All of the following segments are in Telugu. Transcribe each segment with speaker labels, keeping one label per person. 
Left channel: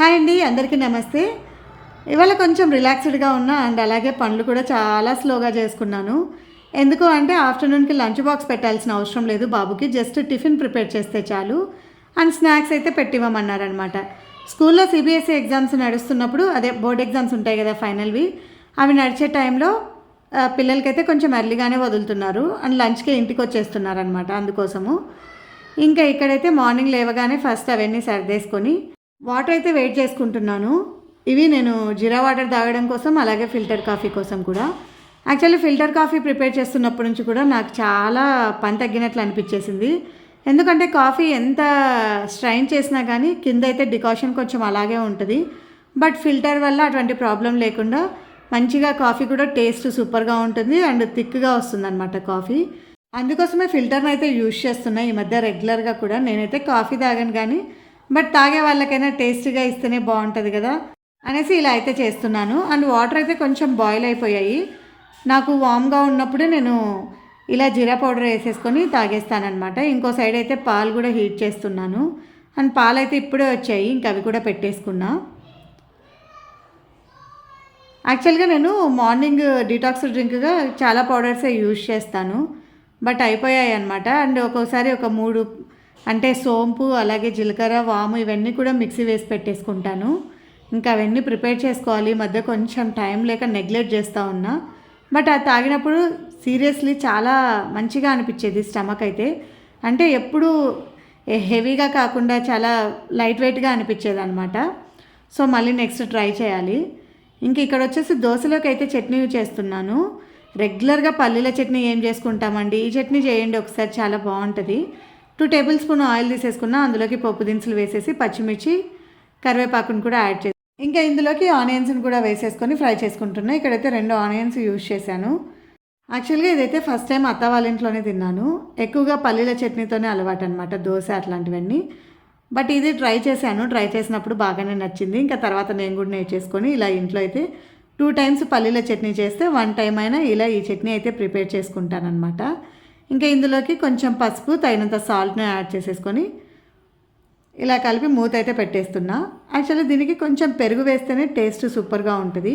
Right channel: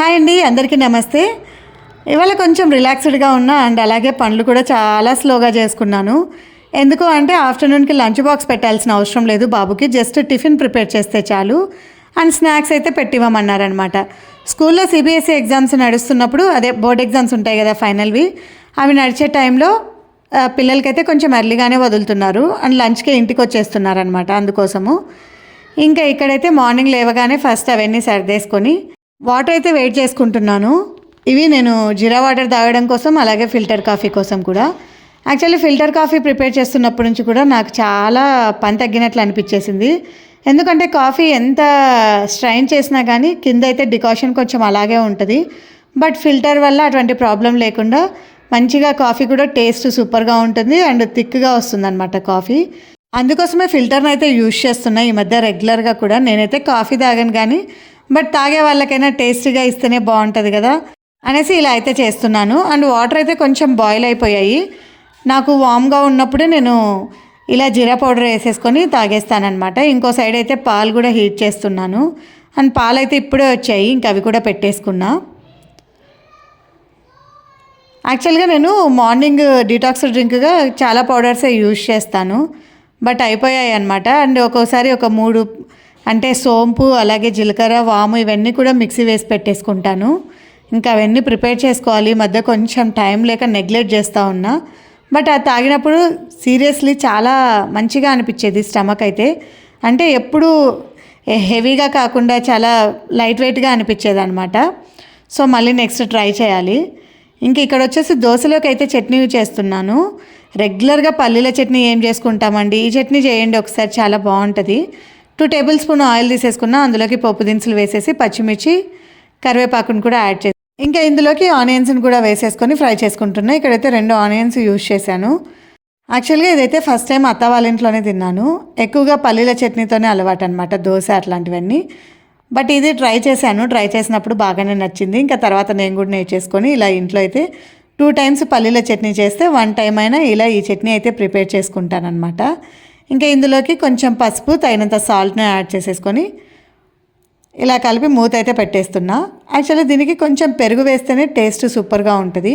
Speaker 1: హాయ్ అండి అందరికీ నమస్తే. ఇవాళ కొంచెం రిలాక్స్డ్గా ఉన్నా అండ్ అలాగే పనులు కూడా చాలా స్లోగా చేసుకున్నాను. ఎందుకు అంటే ఆఫ్టర్నూన్కి లంచ్ బాక్స్ పెట్టాల్సిన అవసరం లేదు బాబుకి జస్ట్ టిఫిన్ ప్రిపేర్ చేస్తే చాలు. అండ్ స్నాక్స్ అయితే పెట్టివ్వమన్నారనమాట. స్కూల్లో సిబిఎస్ఈ ఎగ్జామ్స్ నడుస్తున్నప్పుడు అదే బోర్డ్ ఎగ్జామ్స్ ఉంటాయి కదా ఫైనల్వి అవి నడిచే టైంలో పిల్లలకైతే కొంచెం ఎర్లీగానే వదులుతున్నారు. అండ్ లంచ్కి ఇంటికి వచ్చేస్తున్నారు అనమాట అందుకోసము. ఇంకా ఇక్కడైతే మార్నింగ్ లేవగానే ఫస్ట్ అవన్నీ సర్దేసుకొని వాటర్ అయితే వెయిట్ చేసుకుంటున్నాను. ఇవి నేను జీరా వాటర్ తాగడం కోసం అలాగే ఫిల్టర్ కాఫీ కోసం కూడా. యాక్చువల్లీ ఫిల్టర్ కాఫీ ప్రిపేర్ చేస్తున్నప్పటి నుంచి కూడా నాకు చాలా పని తగ్గినట్లు అనిపించేసింది. ఎందుకంటే కాఫీ ఎంత స్ట్రైన్ చేసినా కానీ కింద అయితే డికాషన్ కొంచెం అలాగే ఉంటుంది. బట్ ఫిల్టర్ వల్ల అటువంటి ప్రాబ్లం లేకుండా మంచిగా కాఫీ కూడా టేస్ట్ సూపర్గా ఉంటుంది అండ్ థిక్గా వస్తుందన్నమాట కాఫీ. అందుకోసమే ఫిల్టర్ని అయితే యూజ్ చేస్తున్నా. ఈ మధ్య రెగ్యులర్గా కూడా నేనైతే కాఫీ తాగను కానీ బట్ తాగే వాళ్ళకైనా టేస్టీగా ఇస్తేనే బాగుంటుంది కదా అనేసి ఇలా అయితే చేస్తున్నాను. అండ్ వాటర్ అయితే కొంచెం బాయిల్ అయిపోయాయి. నాకు వామ్గా ఉన్నప్పుడు నేను ఇలా జీరా పౌడర్ వేసేసుకొని తాగేస్తానమాట ఇంకో సైడ్ అయితే పాలు కూడా హీట్ చేస్తున్నాను. అండ్ పాలు అయితే ఇప్పుడే వచ్చాయి. ఇంకా అవి కూడా పెట్టేసుకున్నా. యాక్చువల్గా నేను మార్నింగ్ డిటాక్స్ డ్రింక్గా చాలా పౌడర్సే యూజ్ చేస్తాను. బట్ అయిపోయాయి అనమాట అండ్ ఒక్కోసారి ఒక మూడు అంటే సోంపు అలాగే జీలకర్ర వాము ఇవన్నీ కూడా మిక్సీ వేసి పెట్టేసుకుంటాను. ఇంకా అవన్నీ ప్రిపేర్ చేసుకోవాలి. మధ్య కొంచెం టైం లేక నెగ్లెక్ట్ చేస్తూ ఉన్నా. బట్ అది తాగినప్పుడు సీరియస్లీ చాలా మంచిగా అనిపించేది స్టమక్ అయితే. అంటే ఎప్పుడు హెవీగా కాకుండా చాలా లైట్ వెయిట్గా అనిపించేది అనమాట సో మళ్ళీ నెక్స్ట్ ట్రై చేయాలి. ఇంక ఇక్కడ వచ్చేసి దోశలోకి అయితే చట్నీ చేస్తున్నాను. రెగ్యులర్గా పల్లీల చట్నీ ఏం చేసుకుంటామండి? ఈ చట్నీ చేయండి ఒకసారి చాలా బాగుంటుంది. టూ టేబుల్ స్పూన్ ఆయిల్ తీసేసుకున్న అందులోకి పప్పు దినుసులు వేసేసి పచ్చిమిర్చి కరివేపాకును కూడా యాడ్ చేసి ఇంకా ఇందులోకి ఆనియన్స్ని కూడా వేసేసుకొని ఫ్రై చేసుకుంటున్నా. ఇక్కడైతే రెండు ఆనియన్స్ యూజ్ చేశాను. యాక్చువల్గా ఇదైతే ఫస్ట్ టైం అత్త వాళ్ళ ఇంట్లోనే తిన్నాను. ఎక్కువగా పల్లీల చట్నీతోనే అలవాటు అనమాట దోశ అట్లాంటివన్నీ. బట్ ఇది ట్రై చేశాను. ట్రై చేసినప్పుడు బాగానే నచ్చింది. ఇంకా తర్వాత నేను కూడా నేర్చేసుకొని ఇలా ఇంట్లో అయితే టూ టైమ్స్ పల్లీల చట్నీ చేస్తే వన్ టైం అయినా ఇలా ఈ చట్నీ అయితే ప్రిపేర్ చేసుకుంటానమాట ఇంకా ఇందులోకి కొంచెం పసుపు తగినంత సాల్ట్ని యాడ్ చేసేసుకొని ఇలా కలిపి మూత అయితే పెట్టేస్తున్నా. యాక్చువల్లీ దీనికి కొంచెం పెరుగు వేస్తేనే టేస్ట్ సూపర్గా ఉంటుంది.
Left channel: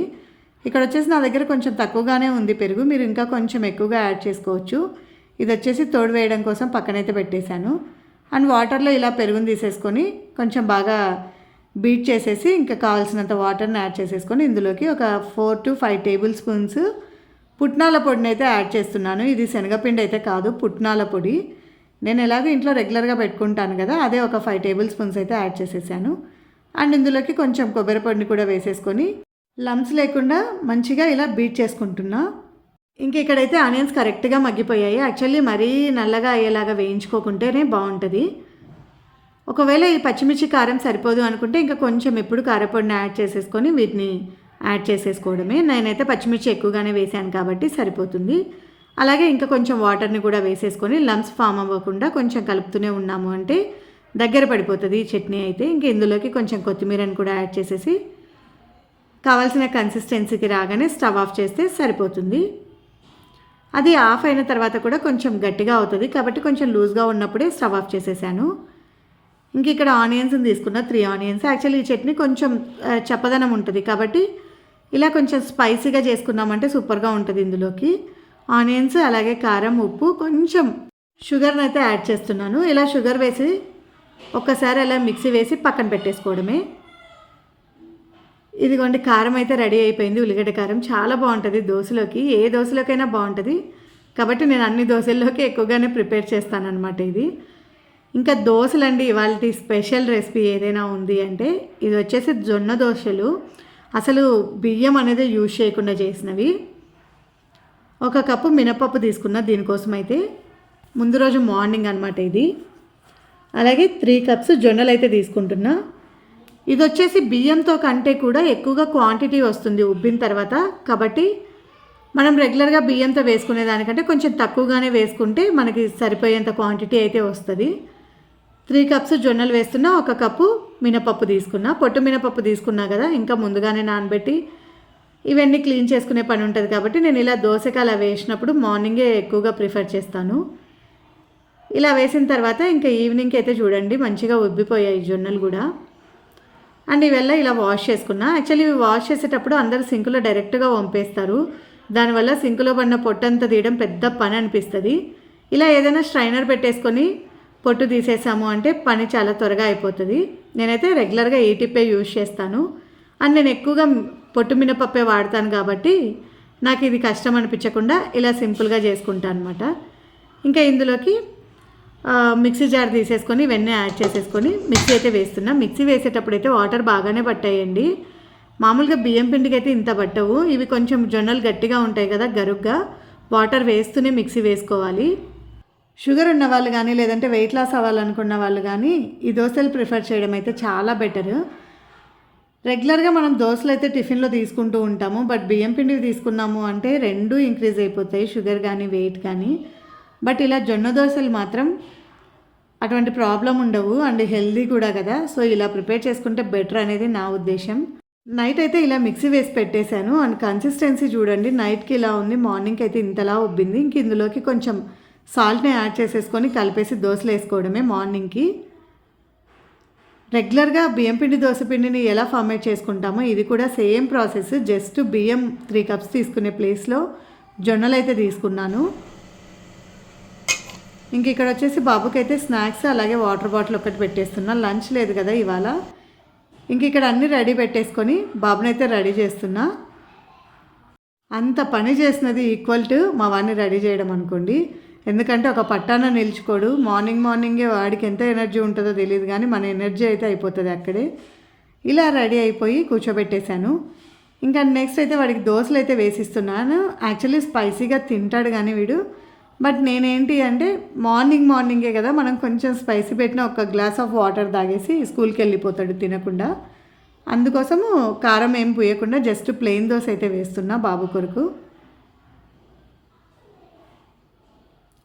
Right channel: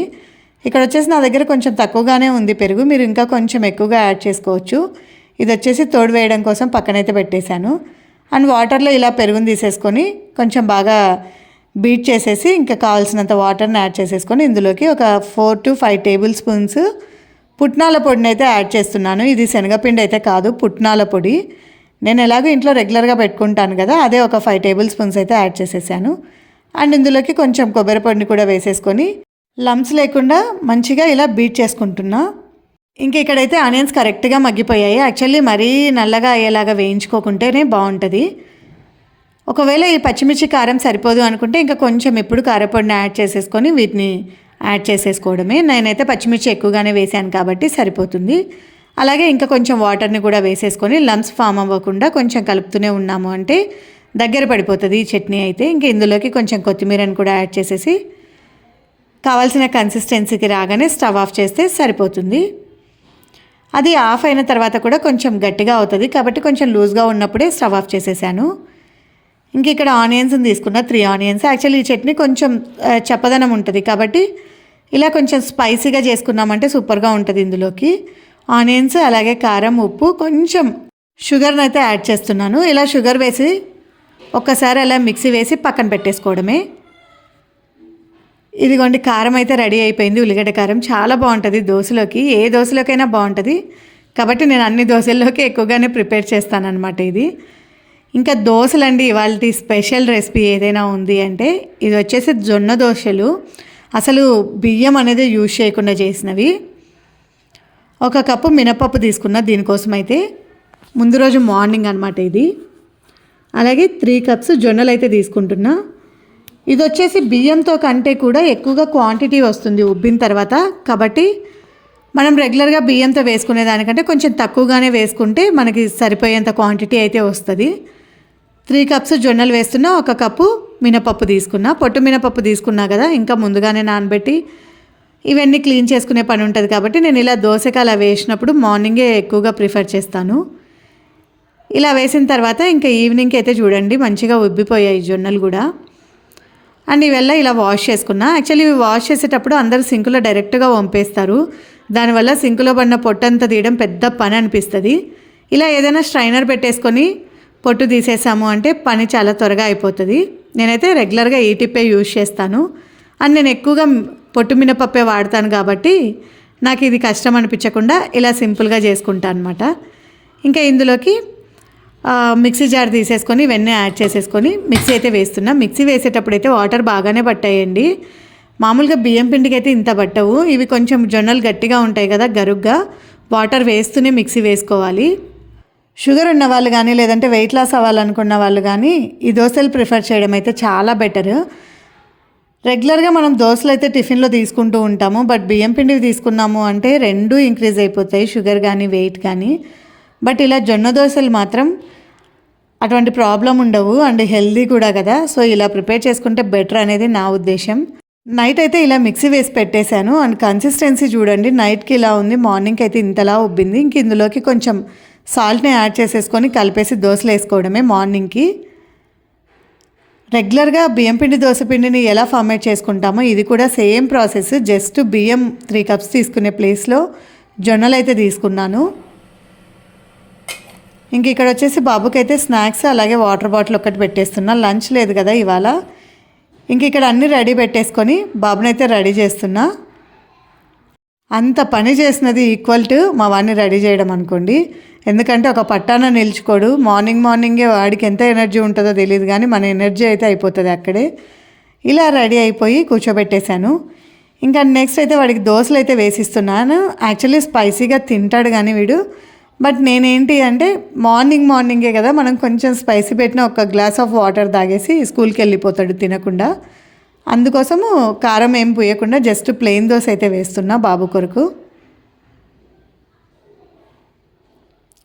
Speaker 1: ఇక్కడ వచ్చేసి నా దగ్గర కొంచెం తక్కువగానే ఉంది పెరుగు. మీరు ఇంకా కొంచెం ఎక్కువగా యాడ్ చేసుకోవచ్చు. ఇది వచ్చేసి తోడు వేయడం కోసం పక్కనైతే పెట్టేశాను. అండ్ వాటర్లో ఇలా పెరుగుని తీసేసుకొని కొంచెం బాగా బీట్ చేసేసి ఇంకా కావాల్సినంత వాటర్ని యాడ్ చేసేసుకొని ఇందులోకి ఒక four to five table spoons పుట్నాల పొడిని అయితే యాడ్ చేస్తున్నాను. ఇది శనగపిండి అయితే కాదు పుట్నాల పొడి. నేను ఎలాగో ఇంట్లో రెగ్యులర్గా పెట్టుకుంటాను కదా అదే ఒక ఫైవ్ టేబుల్ స్పూన్స్ అయితే యాడ్ చేసేసాను. అండ్ ఇందులోకి కొంచెం కొబ్బరి పొడిని కూడా వేసేసుకొని లమ్స్ లేకుండా మంచిగా ఇలా బీట్ చేసుకుంటున్నా. ఇంక ఇక్కడైతే ఆనియన్స్ కరెక్ట్గా మగ్గిపోయాయి. యాక్చువల్లీ మరీ నల్లగా అయ్యేలాగా వేయించుకోకుంటేనే బాగుంటుంది. ఒకవేళ ఈ పచ్చిమిర్చి కారం సరిపోదు అనుకుంటే ఇంకా కొంచెం ఎప్పుడు కారపొడిని యాడ్ చేసేసుకొని వీటిని యాడ్ చేసేసుకోవడమే. నేనైతే పచ్చిమిర్చి ఎక్కువగానే వేసాను కాబట్టి సరిపోతుంది. అలాగే ఇంకా కొంచెం వాటర్ని కూడా వేసేసుకొని లమ్స్ ఫామ్ అవ్వకుండా కొంచెం కలుపుతూనే ఉన్నాము అంటే దగ్గర పడిపోతుంది ఈ చట్నీ అయితే. ఇంకా ఇందులోకి కొంచెం కొత్తిమీరని కూడా యాడ్ చేసేసి కావాల్సిన కన్సిస్టెన్సీకి రాగానే స్టవ్ ఆఫ్ చేస్తే సరిపోతుంది. అది ఆఫ్ అయిన తర్వాత కూడా కొంచెం గట్టిగా అవుతుంది కాబట్టి కొంచెం లూజ్గా ఉన్నప్పుడే స్టవ్ ఆఫ్ చేసేసాను. ఇంక ఇక్కడ ఆనియన్స్ని తీసుకున్న త్రీ ఆనియన్స్. యాక్చువల్లీ ఈ చట్నీ కొంచెం చప్పదనం ఉంటుంది కాబట్టి ఇలా కొంచెం స్పైసీగా చేసుకున్నామంటే సూపర్గా ఉంటుంది ఇందులోకి. ఆనియన్స్ అలాగే కారం ఉప్పు కొంచెం షుగర్ని అయితే యాడ్ చేస్తున్నాను. ఇలా షుగర్ వేసి ఒక్కసారి అలా మిక్సీ వేసి పక్కన పెట్టేసుకోవడమే. ఇదిగోండి కారం అయితే రెడీ అయిపోయింది. ఉల్లిగడ్డ కారం చాలా బాగుంటుంది దోశలోకి. ఏ దోశలోకైనా బాగుంటుంది. కాబట్టి నేను అన్ని దోశల్లోకి ఎక్కువగానే ప్రిపేర్ చేస్తానన్నమాట ఇది. ఇంకా దోశలండి ఇవాళ స్పెషల్ రెసిపీ ఏదైనా ఉంది అంటే ఇది వచ్చేసి జొన్న దోశలు. అసలు బియ్యం అనేది యూజ్ చేయకుండా చేసినవి. ఒక కప్పు మినపప్పు తీసుకున్న దీనికోసం అయితే ముందు రోజు మార్నింగ్ అనమాట ఇది. అలాగే త్రీ కప్స్ జొన్నలు అయితే తీసుకుంటున్నా. ఇది వచ్చేసి బియ్యంతో కంటే కూడా ఎక్కువగా క్వాంటిటీ వస్తుంది ఉబ్బిన తర్వాత. కాబట్టి మనం రెగ్యులర్గా బియ్యంతో వేసుకునే దానికంటే కొంచెం తక్కువగానే వేసుకుంటే మనకి సరిపోయేంత క్వాంటిటీ అయితే వస్తుంది. త్రీ కప్స్ జొన్నలు వేస్తున్నా ఒక కప్పు మినపప్పు తీసుకున్నా. పొట్టు మినపప్పు తీసుకున్నా కదా ఇంకా ముందుగానే నానబెట్టి ఇవన్నీ క్లీన్ చేసుకునే పని ఉంటుంది కాబట్టి నేను ఇలా దోసకాయ అలా వేసినప్పుడు మార్నింగే ఎక్కువగా ప్రిఫర్ చేస్తాను. ఇలా వేసిన తర్వాత ఇంకా ఈవినింగ్కి అయితే చూడండి మంచిగా ఉబ్బిపోయాయి జొన్నలు కూడా. అండ్ ఇవల్ల ఇలా వాష్ చేసుకున్నా. యాక్చువల్లీ ఇవి వాష్ చేసేటప్పుడు అందరూ సింకులో డైరెక్ట్గా వంపేస్తారు. దానివల్ల సింకులో పడిన పొట్టంతా తీయడం పెద్ద పని అనిపిస్తుంది. ఇలా ఏదైనా స్ట్రైనర్ పెట్టేసుకొని పొట్టు తీసేసాము అంటే పని చాలా త్వరగా అయిపోతుంది. నేనైతే రెగ్యులర్గా ఈ టిప్పే యూజ్ చేస్తాను. అండ్ నేను ఎక్కువగా పొట్టు మినపప్పే వాడతాను కాబట్టి నాకు ఇది కష్టం అనిపించకుండా ఇలా సింపుల్గా చేసుకుంటాను అనమాట ఇంకా ఇందులోకి మిక్సీ జార్ తీసేసుకొని వెన్న యాడ్ చేసేసుకొని మిక్సీ అయితే వేస్తున్నా. మిక్సీ వేసేటప్పుడు అయితే వాటర్ బాగానే పట్టాయండి. మామూలుగా బియ్యం పిండికి అయితే ఇంత పట్టవు. ఇవి కొంచెం జొన్నలు గట్టిగా ఉంటాయి కదా గరుగ్గా. వాటర్ వేస్తూనే మిక్సీ వేసుకోవాలి. షుగర్ ఉన్న వాళ్ళు కానీ లేదంటే వెయిట్ లాస్ అవ్వాలనుకున్న వాళ్ళు కానీ ఈ దోశలు ప్రిఫర్ చేయడం అయితే చాలా బెటర్ రెగ్యులర్గా మనం దోశలు అయితే టిఫిన్లో తీసుకుంటూ ఉంటాము. బట్ బియ్యం పిండివి తీసుకున్నాము అంటే రెండూ ఇంక్రీజ్ అయిపోతాయి షుగర్ కానీ వెయిట్ కానీ. బట్ ఇలా జొన్న దోశలు మాత్రం అటువంటి ప్రాబ్లం ఉండవు. అండ్ హెల్దీ కూడా కదా. సో ఇలా ప్రిపేర్ చేసుకుంటే బెటర్ అనేది నా ఉద్దేశం. నైట్ అయితే ఇలా మిక్సీ వేసి పెట్టేశాను. అండ్ కన్సిస్టెన్సీ చూడండి. నైట్కి ఇలా ఉంది. మార్నింగ్కి అయితే ఇంతలా ఉబ్బింది. ఇంక ఇందులోకి కొంచెం సాల్ట్ని యాడ్ చేసేసుకొని కలిపేసి దోశలు వేసుకోవడమే మార్నింగ్కి. రెగ్యులర్గా బియ్యం పిండి దోశ పిండిని ఎలా ఫార్మేట్ చేసుకుంటామో ఇది కూడా సేమ్ ప్రాసెస్ జస్ట్ బియ్యం త్రీ కప్స్ తీసుకునే ప్లేస్లో జొన్నలు అయితే తీసుకున్నాను. ఇంక ఇక్కడ వచ్చేసి బాబుకి అయితే స్నాక్స్ అలాగే వాటర్ బాటిల్ ఒకటి పెట్టేస్తున్నా. లంచ్ లేదు కదా ఇవాళ. ఇంక ఇక్కడ అన్నీ రెడీ పెట్టేసుకొని బాబునైతే రెడీ చేస్తున్నా. అంత పని చేసినది ఈక్వల్ టు మా వాడిని రెడీ చేయడం అనుకోండి. ఎందుకంటే ఒక పట్టాన నిల్చుకోడు. మార్నింగ్ మార్నింగే వాడికి ఎంత ఎనర్జీ ఉంటుందో తెలియదు కానీ మన ఎనర్జీ అయితే అయిపోతుంది అక్కడే. ఇలా రెడీ అయిపోయి కూర్చోబెట్టేశాను. ఇంకా నెక్స్ట్ అయితే వాడికి దోశలు అయితే వేసిస్తున్నాను. యాక్చువల్లీ స్పైసీగా తింటాడు కానీ వీడు. బట్ నేనేంటి అంటే మార్నింగ్ మార్నింగే కదా మనం కొంచెం స్పైసీ పెట్టిన ఒక గ్లాస్ ఆఫ్ వాటర్ తాగేసి స్కూల్కి వెళ్ళిపోతాడు తినకుండా. అందుకోసము కారం ఏం పూయకుండా జస్ట్ ప్లెయిన్ దోశ అయితే వేస్తున్నా బాబు కొరకు.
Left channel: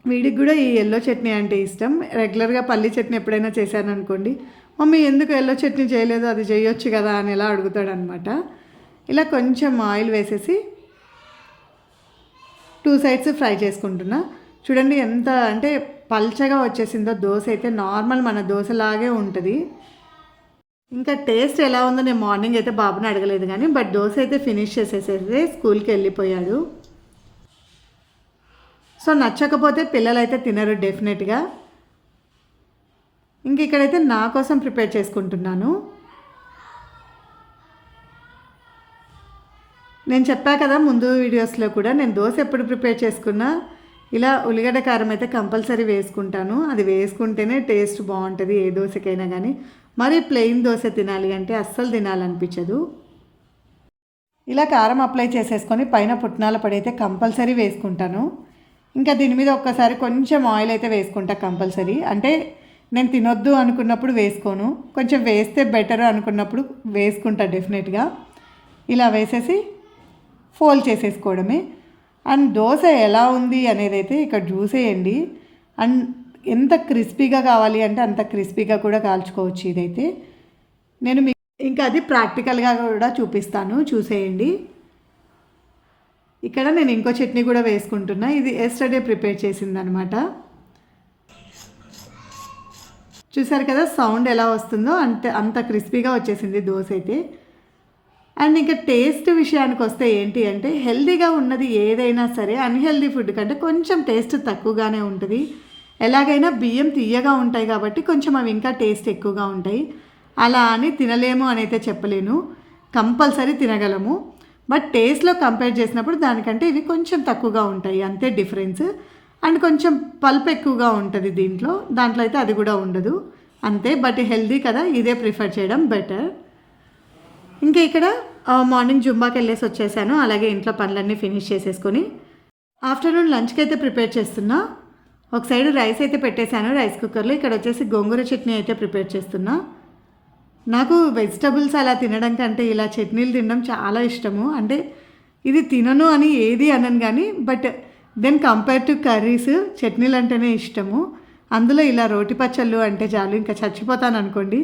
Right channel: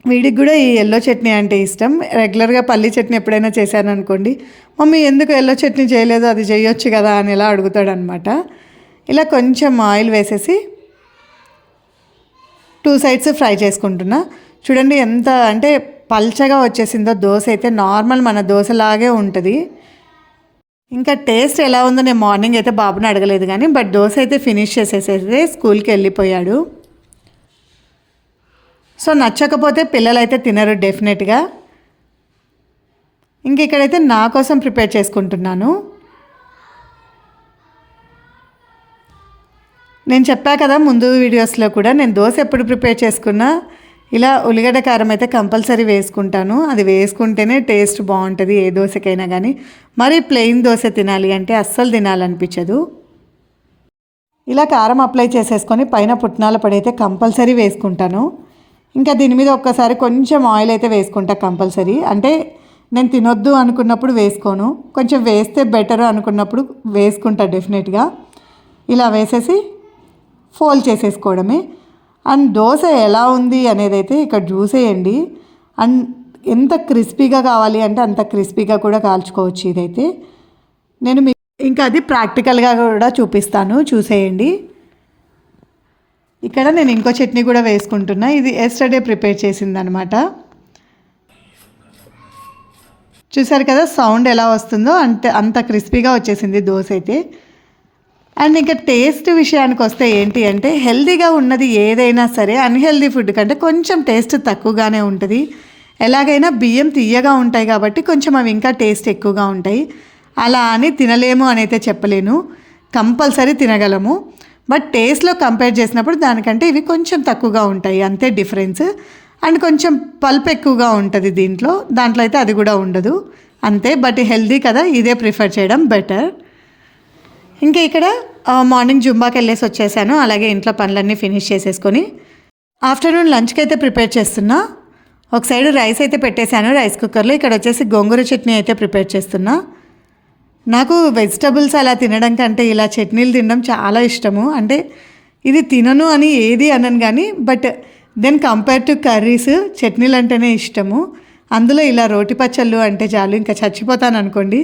Speaker 1: వీడికి కూడా ఈ ఎల్లో చట్నీ అంటే ఇష్టం. రెగ్యులర్గా పల్లి చట్నీ ఎప్పుడైనా చేశాననుకోండి మమ్మీ ఎందుకు ఎల్లో చట్నీ చేయలేదు? అది చేయొచ్చు కదా అని ఇలా అడుగుతాడనమాట. ఇలా కొంచెం ఆయిల్ వేసేసి టూ సైడ్స్ ఫ్రై చేసుకుంటున్నా. చూడండి ఎంత అంటే పల్చగా వచ్చేసిందో దోశ అయితే నార్మల్ మన దోశలాగే ఉంటుంది. ఇంకా టేస్ట్ ఎలా ఉందో నేను మార్నింగ్ అయితే బాబుని అడగలేదు కానీ బట్ దోశ అయితే ఫినిష్ చేసేసేసి స్కూల్కి వెళ్ళిపోయాడు. సో నచ్చకపోతే పిల్లలు అయితే తినరు డెఫినెట్గా. ఇంక ఇక్కడైతే నా కోసం ప్రిపేర్ చేసుకుంటున్నాను. నేను చెప్పా కదా ముందు వీడియోస్లో కూడా నేను దోశ ఎప్పుడు ప్రిపేర్ చేసుకున్నా ఇలా ఉల్లిగడ్డ కారం అయితే కంపల్సరీ వేసుకుంటాను. అది వేసుకుంటేనే టేస్ట్ బాగుంటుంది ఏ దోశకైనా కానీ మరి ప్లెయిన్ దోశ తినాలి అంటే అస్సలు తినాలనిపించదు. ఇలా కారం అప్లై చేసేసుకొని పైన పుట్నాల పొడి అయితే కంపల్సరీ వేసుకుంటాను. ఇంకా దీని మీద ఒక్కసారి కొంచెం ఆయిల్ అయితే వేసుకుంటా కంపల్సరీ. అంటే నేను తినొద్దు అనుకున్నప్పుడు వేసుకోను. కొంచెం వేస్తే బెటర్ అనుకున్నప్పుడు వేసుకుంటా డెఫినెట్గా. ఇలా వేసేసి ఫోల్డ్ చేసేసుకోవడమే. అండ్ దోశ ఎలా ఉంది అనేది అయితే ఇక్కడ చూసేయండి. అండ్ ఎంత క్రిస్పీగా కావాలి అంటే అంత క్రిస్పీగా కూడా కాల్చుకోవచ్చు ఇదైతే. నేను మీ ఇంకా అది ప్రాక్టికల్గా కూడా చూపిస్తాను. చూసేయండి. ఇక్కడ నేను ఇంకో చట్నీ కూడా వేసుకుంటున్నా. ఇది ఎస్టర్డే ప్రిపేర్ చేసిందనమాట. చూసారు కదా సౌండ్ ఎలా వస్తుందో అంత అంత క్రిస్పీగా వచ్చేసింది దోశ అయితే. అండ్ ఇంకా టేస్ట్ విషయానికి వస్తే ఏంటి అంటే హెల్దీగా ఉన్నది ఏదైనా సరే అన్హెల్దీ ఫుడ్ కంటే కొంచెం టేస్ట్ తక్కువగానే ఉంటుంది. ఎలాగైనా బియ్యం తీయగా ఉంటాయి కాబట్టి కొంచెం అవి ఇంకా టేస్ట్ ఎక్కువగా ఉంటాయి. అలా అని తినలేము అని అయితే చెప్పలేను. కంపల్సరీ తినగలము. బట్ టేస్ట్లో కంపేర్ చేసినప్పుడు దానికంటే ఇవి కొంచెం తక్కువగా ఉంటాయి అంతే డిఫరెన్స్. అండ్ కొంచెం పల్ప్ ఎక్కువగా ఉంటుంది దీంట్లో దాంట్లో అయితే అది కూడా ఉండదు అంతే. బట్ హెల్దీ కదా ఇదే ప్రిఫర్ చేయడం బెటర్. ఇంకా ఇక్కడ మార్నింగ్ జుంబాకి వెళ్ళేసి వచ్చేసాను అలాగే ఇంట్లో పనులన్నీ ఫినిష్ చేసేసుకొని. ఆఫ్టర్నూన్ లంచ్కి అయితే ప్రిపేర్ చేస్తున్నా. ఒక సైడ్ రైస్ అయితే పెట్టేశాను రైస్ కుక్కర్లో. ఇక్కడ వచ్చేసి గోంగూర చట్నీ అయితే ప్రిపేర్ చేస్తున్నా. నాకు వెజిటబుల్స్ అలా తినడం కంటే ఇలా చట్నీలు తినడం చాలా ఇష్టము. అంటే ఇది తినను అని ఏది అనను కానీ but then compare to curries చట్నీలు అంటేనే ఇష్టము. అందులో ఇలా రోటి పచ్చళ్ళు అంటే చాలు ఇంకా చచ్చిపోతాను అనుకోండి.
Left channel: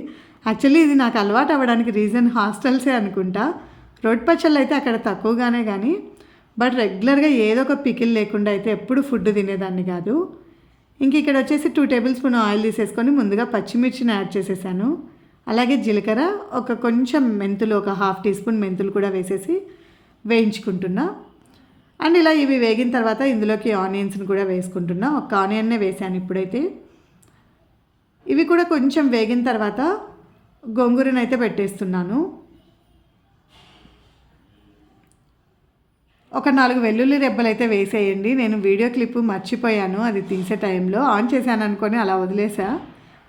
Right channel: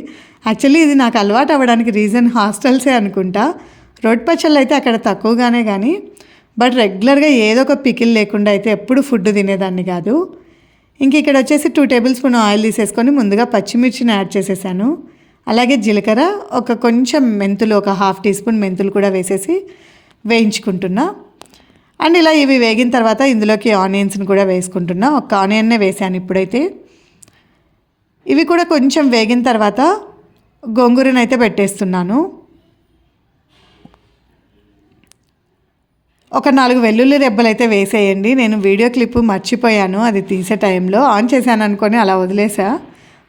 Speaker 1: యాక్చువల్లీ ఇది నాకు అలవాటు అవ్వడానికి రీజన్ హాస్టల్సే అనుకుంటా. రోటి పచ్చళ్ళు అయితే అక్కడ తక్కువగానే కానీ బట్ రెగ్యులర్గా ఏదో ఒక పికిల్ లేకుండా అయితే ఎప్పుడు ఫుడ్ తినేదాన్ని కాదు. ఇంక ఇక్కడ వచ్చేసి టూ టేబుల్ స్పూన్ ఆయిల్ తీసేసుకొని ముందుగా పచ్చిమిర్చిని యాడ్ చేసేసాను. అలాగే జీలకర్ర ఒక కొంచెం మెంతులు ఒక హాఫ్ టీ స్పూన్ మెంతులు కూడా వేసేసి వేయించుకుంటున్నా. అండ్ ఇలా ఇవి వేగిన తర్వాత ఇందులోకి ఆనియన్స్ని కూడా వేసుకుంటున్నా. ఒక ఆనియన్నే వేసాను ఇప్పుడైతే. ఇవి కూడా కొంచెం వేగిన తర్వాత గోంగూరనైతే అయితే పెట్టేస్తున్నాను. ఒక నాలుగు వెల్లుల్లి రెబ్బలు అయితే వేసేయండి. నేను వీడియో క్లిప్ మర్చిపోయాను అది తీసే టైంలో. ఆన్ చేశాను అనుకొని అలా వదిలేసా.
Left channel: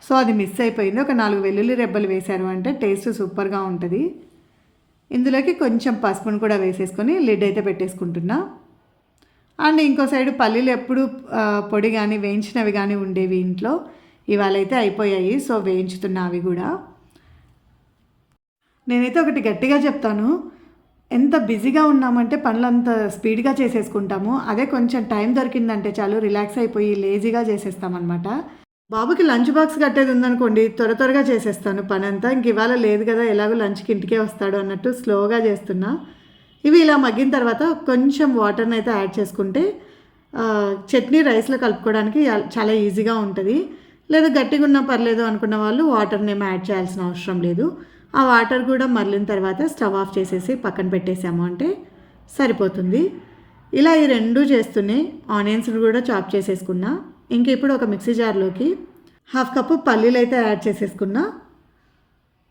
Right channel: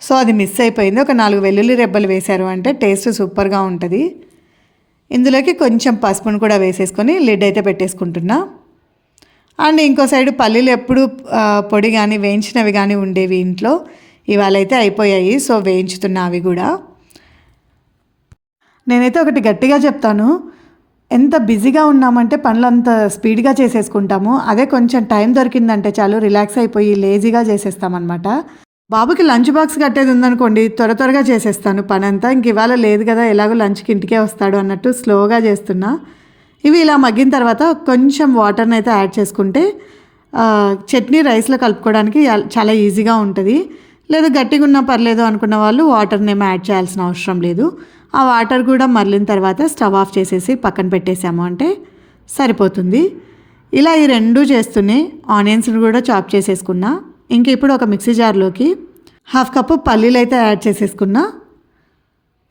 Speaker 1: సో అది మిస్ అయిపోయింది. ఒక నాలుగు వెల్లుల్లి రెబ్బలు వేశారు అంటే టేస్ట్ సూపర్గా ఉంటుంది. ఇందులోకి కొంచెం పసుపును కూడా వేసేసుకొని లిడ్ అయితే పెట్టేసుకుంటున్నా. అండ్ ఇంకో సైడ్ పల్లీలు ఎప్పుడు పొడి కానీ వేయించినవి కానీ ఉండేవి ఇంట్లో. ఇవాళ అయితే అయిపోయాయి. సో వేయించుతున్నా అవి కూడా. నేనైతే ఒకటి గట్టిగా చెప్తాను. ఎంత బిజీగా ఉన్నామంటే పనులు అంత స్పీడ్గా చేసేసుకుంటాము. అదే కొంచెం టైం దొరికిందంటే చాలు రిలాక్స్ అయిపోయి లేజీగా చేసేస్తామన్నమాట. బాబుకి లంచ్ బాక్స్ కట్టేది ఉందనుకోండి త్వర త్వరగా చేసేస్తాను. పని అంతా ఇంక ఇవాళ లేదు కదా ఎలాగో లంచ్కి ఇంటికే వస్తాడు అన్నట్టు స్లోగా చేస్తున్నా. ఇవి ఇలా మగ్గిన తర్వాత కొంచెం వాటర్ని అయితే యాడ్ చేసుకుంటే చట్నీ రైస్లో కలుపుకోవడానికి చాలా ఈజీగా ఉంటుంది. లేదు గట్టిగా ఉన్నా పర్లేదు అనుకున్న వాళ్ళు వాటర్ని ఏమీ యాడ్ చేయాల్సిన అవసరం లేదు. ఆ వాటర్ కూడా మరలిన తర్వాత స్టవ్ ఆఫ్ చేసేసి పక్కన పెట్టేసాము అంటే సరిపోతుంది. ఇలా ఈ రెండు చేస్తూనే ఆనియన్స్ని కూడా చాప్ చేసేసుకున్నా. ఇంక ఇప్పుడు ఒక మిక్సీ జార్లోకి హాఫ్ కప్పు పల్లీలు అయితే యాడ్ చేసేసుకున్నా.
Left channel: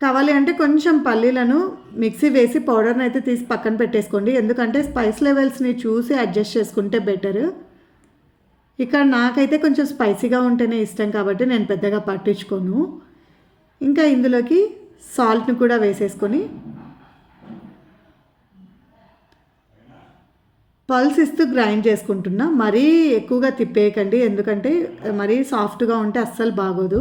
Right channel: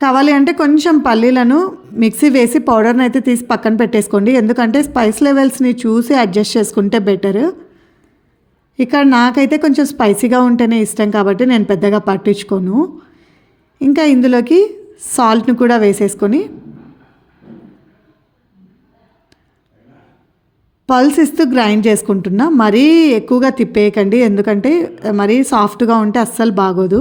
Speaker 1: కావాలి అంటే కొంచెం పల్లీలను మిక్సీ వేసి పౌడర్ని అయితే తీసి పక్కన పెట్టేసుకోండి. ఎందుకంటే స్పైస్ లెవెల్స్ని చూసి అడ్జస్ట్ చేసుకుంటే బెటర్. ఇక్కడ నాకైతే కొంచెం స్పైసీగా ఉంటేనే ఇష్టం కాబట్టి నేను పెద్దగా పట్టించుకోను. ఇంకా ఇందులోకి సాల్ట్ని కూడా వేసేసుకొని పల్స్ ఇస్తూ గ్రైండ్ చేసుకుంటున్నా. మరీ ఎక్కువగా తిప్పేయకండి. ఎందుకంటే మరీ సాఫ్ట్గా ఉంటే అస్సలు బాగోదు.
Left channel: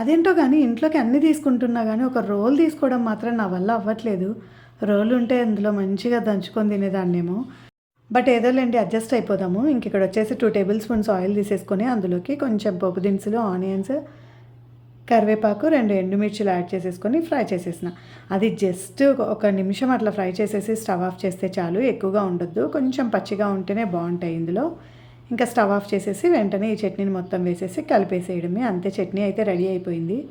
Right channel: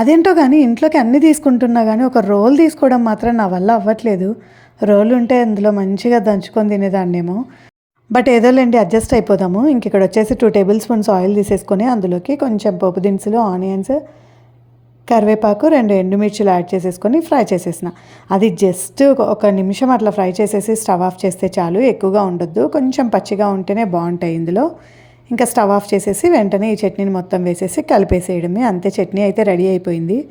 Speaker 1: అదేంటో కానీ ఇంట్లోకి అన్నీ తీసుకుంటున్నా కానీ ఒక రోల్ తీసుకోవడం మాత్రం నా వల్ల అవ్వట్లేదు. రోల్ ఉంటే అందులో మంచిగా దంచుకొని తినేదాన్నేమో. But ఏదోలేండి adjust అయిపోదాము. ఇంక ఇక్కడ వచ్చేసి టూ టేబుల్ స్పూన్స్ ఆయిల్ తీసేసుకొని అందులోకి కొంచెం పోపు దినుసులు ఆనియన్స్ కరివేపాకు రెండు ఎండుమిర్చిలు యాడ్ చేసేసుకొని ఫ్రై చేసేసిన. అది జస్ట్ ఒక- నిమిషం అట్లా ఫ్రై చేసేసి స్టవ్ ఆఫ్ చేస్తే చాలు ఎక్కువగా ఉండొద్దు. కొంచెం పచ్చిగా ఉంటేనే బాగుంటాయి ఇందులో. ఇంకా స్టవ్ ఆఫ్ చేసేసి వెంటనే ఈ చట్నీని మొత్తం వేసేసి కలిపేసేయడమే. అంతే చట్నీ అయితే రెడీ అయిపోయింది.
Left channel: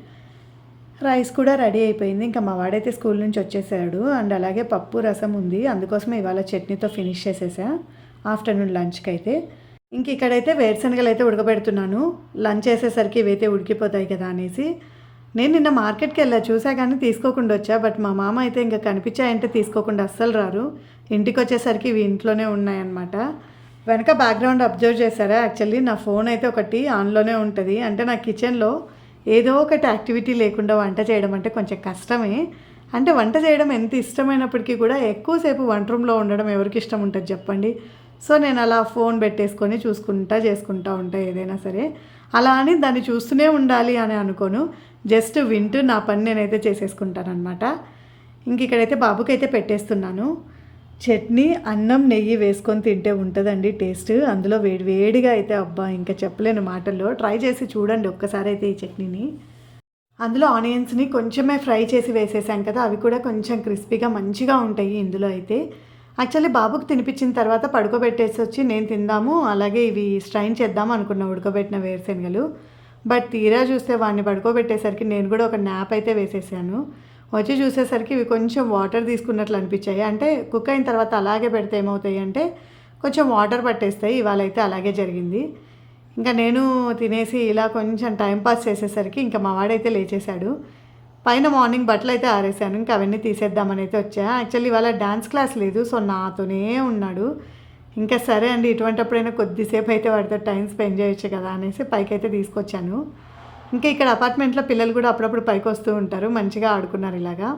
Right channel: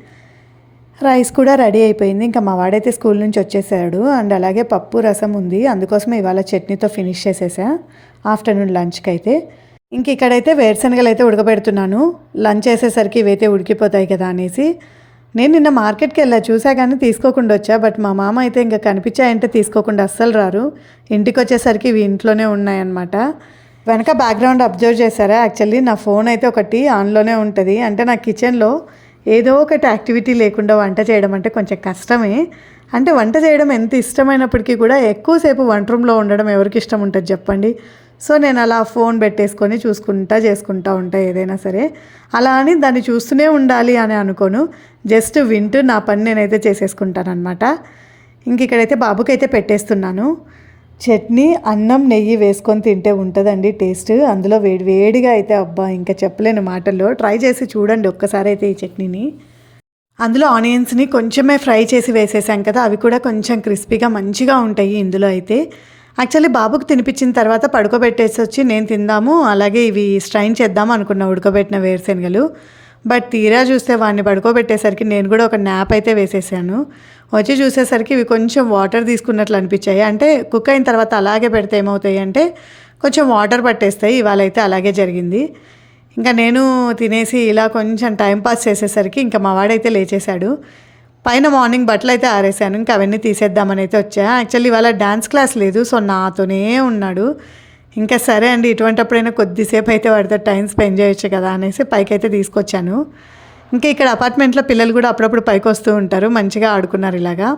Speaker 1: రైస్ కూడా రెడీ అయిపోయింది. ఇంకా మా వాడైతే స్కూల్ నుంచి వచ్చేసాడు. అండ్ అలాగే పప్పు రసం ఉంది. అందుకోసమే ఇవాళ చట్నీతో ఫినిష్ చేసేసా. ఆఫ్టర్నూన్ లంచ్కి అయితే ఇంక ఇక్కడైతే వేరుశనగలు అయితే ఉడకబెడుతున్నాను. లంచ్ చేసేసరికి ఇవైతే ఉడికిపోతాయి కదా అనేసి. నేను నిన్న మార్కెట్కి వెళ్ళా చూసా కానీ తీసుకోకుండా వచ్చా బట్ మా మామ అయితే ఇంకా కనిపించాయంటే తీసుకోకుండా అస్సలు రారు. ఇంటికి వచ్చేసరికి ఇవి ఇంట్లోనే ఉన్నాయన్నమాట. వెనక బ్యాక్గ్రౌండ్ అబ్జర్వ్ చేశారా? యాక్చువల్లీ నా ఫోన్ అయితే ఒకటి ఆన్లోనే ఉంటుంది. అంటే నా కిచెన్లో ఏదో ఒకటి యాక్టివిటీ లేకుండా వంట చేయడం అంటే కొంచెం కష్టమే. అంటే వంట చేయడం ఎంత ఇష్టమైనప్పటికీ కూడా ఎక్కువసేపు వంట రూమ్లో ఉండడం ఎవరికి ఇష్టం ఉంటుంది చెప్పండి? సో నేను అలా ఫోన్ పెట్టేసుకొని చూసుకుంటా చేసుకుంటా ఉంటా ఏదైనా సరే. అలా అని దాన్ని చూస్తూనే ఉండాలి అని అనుకోను. జస్ట్ వింటూ నా పని నేనైతే చేసేసుకుంటానమాట ఇంక ఇక్కడైతే బాబుకైతే పెట్టేస్తున్నాను. చట్నీ అన్నం నెయ్యి వేసుకొని తింటే ఉంటుందండి టేస్ట్. అందులో వేడి వేడిగా అయితే అబ్బా ఇంకా చెప్పలేని మాటల్లో. ట్రై చేసి చూడండి ఒక్కసారి అయితే ఈ చట్నీని. అందులో ఆనియన్స్ని కొంచెమే ఫ్రై చేసి వేసేసాం కదా అవి కూడా కొంచెం క్రిస్పీగా మంచిగా ఉంటాయి ఇందులో అయితే. యాక్చువల్లీ బాబుకు తినిపించిన తర్వాత పడుకోబెట్టేసి వచ్చి నేను తిందాము అలాగే ఇవి స్ట్రైన్ చేద్దాం అనుకున్నా ఉడకబెట్టిన వేరుశనగలు. బట్ తీరా చూస్తే వాడిని పడుకోబెట్టేసరికి నేను కూడా ఒక న్యాప్ అయితే వేసేసాను. వచ్చి చూసేసరికి ఇవి కొంచెం వాటర్ తీసుకున్నట్లు అనిపించాయి. అంటే కుక్ అయిన తర్వాత అలాగే పెడితే ఏమవుతాయి అంటే కొంచెం వాటర్ పట్టేస్తాయి. ఇవాళ అయితే అలాగే జరిగింది. ఇంకా నేను తినేసి ఇలా కొంచెం టైం పాస్ చేసేసరికి ఇంకా మా వాడైతే లేచేశాడు. పైన మార్నింగ్ బట్టలు అయితే ఆరేసాను. ఇంకా అవన్నీ తీసేద్దామని అయితే వచ్చా. యాక్చువల్లీ ఇవాళ డ్యాన్స్ క్లాస్ లేదు సో నాతోనే ఉన్నాడు. ఇంకా సరే అండి ఇటువంటప్పుడైనా కొద్దిసేపు అయితే వాడితో టైం స్పెండ్ చేయొచ్చు కదా అనేసి పైకి అయితే తీసుకొచ్చాను. ఇంకా ఇక్కడ అపార్ట్మెంట్లో పిల్లలు కూడా అప్పుడప్పుడు పైకి వస్తూ ఉంటారు మంచిగా ఆడుకున్నారు ఇలాగా.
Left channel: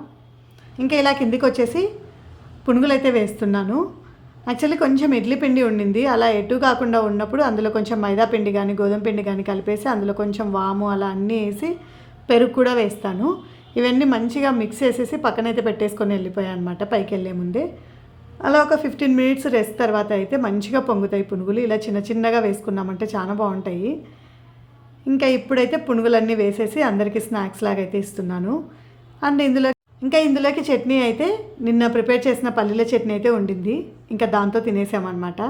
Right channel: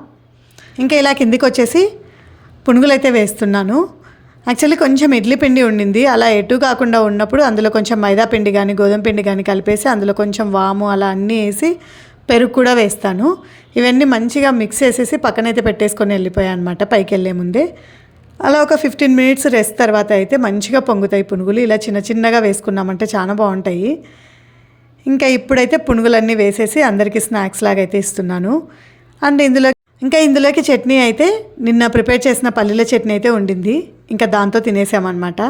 Speaker 1: ఇంకా ఇలా కిందికి వచ్చేసి పునుగులు అయితే వేస్తున్నాను. యాక్చువల్లీ కొంచెం ఇడ్లీ పిండి ఉండింది అలా ఎటు కాకుండా ఉన్నప్పుడు అందులో కొంచెం మైదా పిండి కానీ గోధుమ పిండి కానీ కలిపేసి అందులో కొంచెం వాము అలా అన్నీ వేసి పెరుగు కూడా వేస్తాను. ఇవన్నీ మంచిగా మిక్స్ చేసేసి పక్కనైతే పెట్టేసుకొని వెళ్ళిపోయాయి అనమాట పైకి వెళ్ళే ముందే. అలా ఒక ఫిఫ్టీన్ మినిట్స్ రెస్ట్ తర్వాత అయితే మంచిగా పొంగుతాయి పునుగులు. ఇలా చిన్న చిన్నగా వేసుకున్నామంటే చాలా బాగుంటాయి. ఇంకా ఇప్పుడైతే పునుగులన్నీ వేసేసి అందరికీ స్నాక్స్ లాగా అయితే ఇస్తున్నాను. అండ్ ఇందులో ఇంకా ఇందులోకి చట్నీ అయితే నిన్న ప్రిపేర్ చేసిన పల్లీల చట్నీ అయితే ఉండింది. ఇంకా దాంతో తినేసామన్నమాట.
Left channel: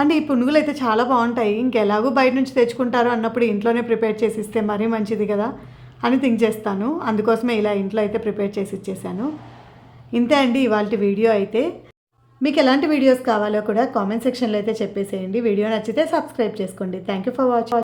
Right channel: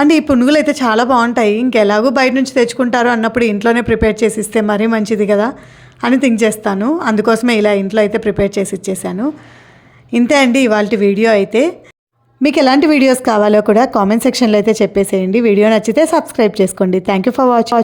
Speaker 1: అండ్ ఈ పునుగులు అయితే చాలా బాగుంటాయి. ఇంకెలాగూ బయట నుంచి తెచ్చుకుంటారు అన్నప్పుడు ఇంట్లోనే ప్రిపేర్ చేసి ఇస్తే మరీ మంచిది కదా. అని థింక్ చేస్తాను. అందుకోసమే ఇలా ఇంట్లో అయితే ప్రిపేర్ చేసి ఇచ్చేసాను ఇంతే అండి ఇవాళ వీడియో అయితే. మీకు ఎలాంటి వీడియోస్ కావాలో కూడా కామెంట్ సెక్షన్లో అయితే చెప్పేసేయండి. వీడియో నచ్చితే సబ్స్క్రైబ్ చేసుకోండి. Thank you for watching